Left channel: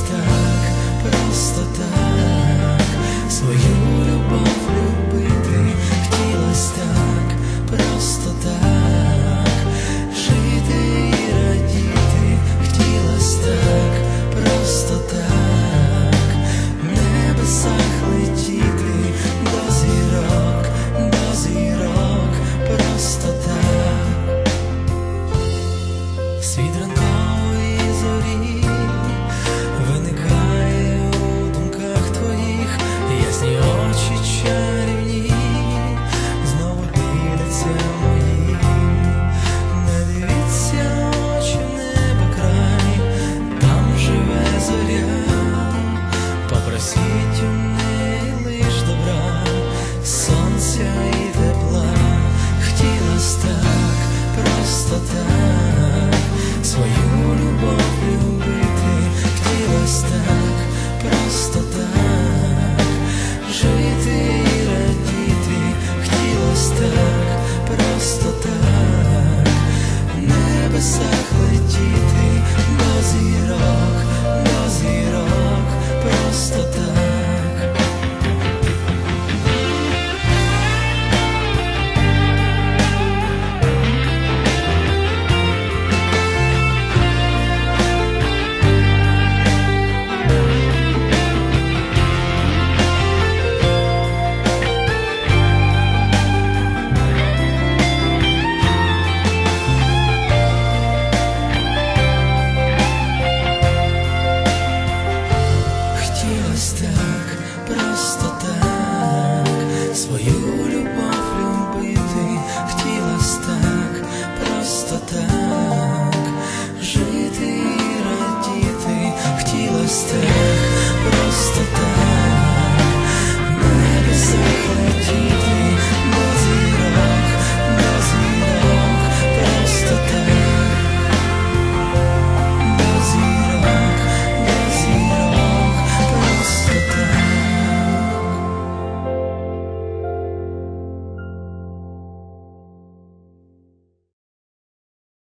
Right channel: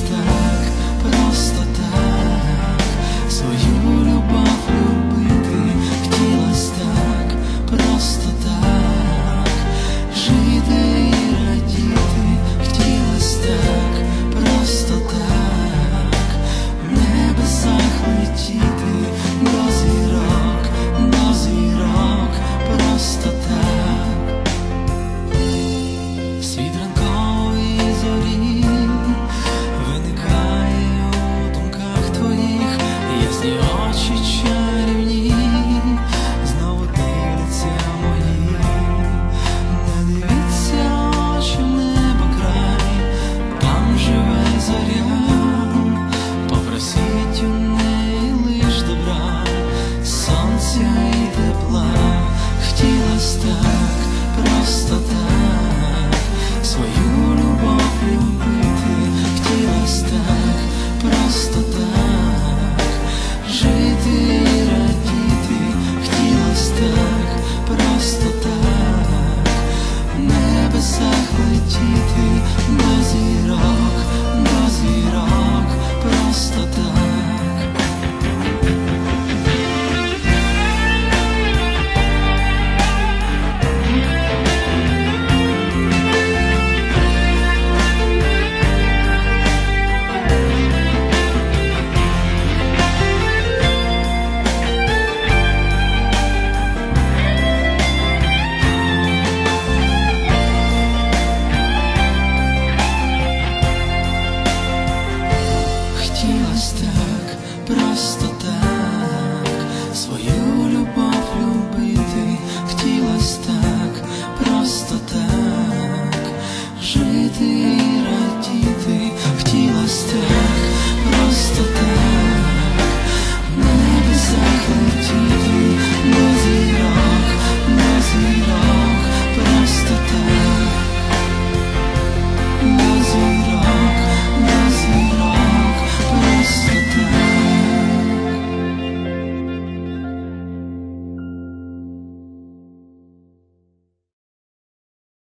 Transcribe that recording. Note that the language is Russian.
так, просто так. Свою See you prosto.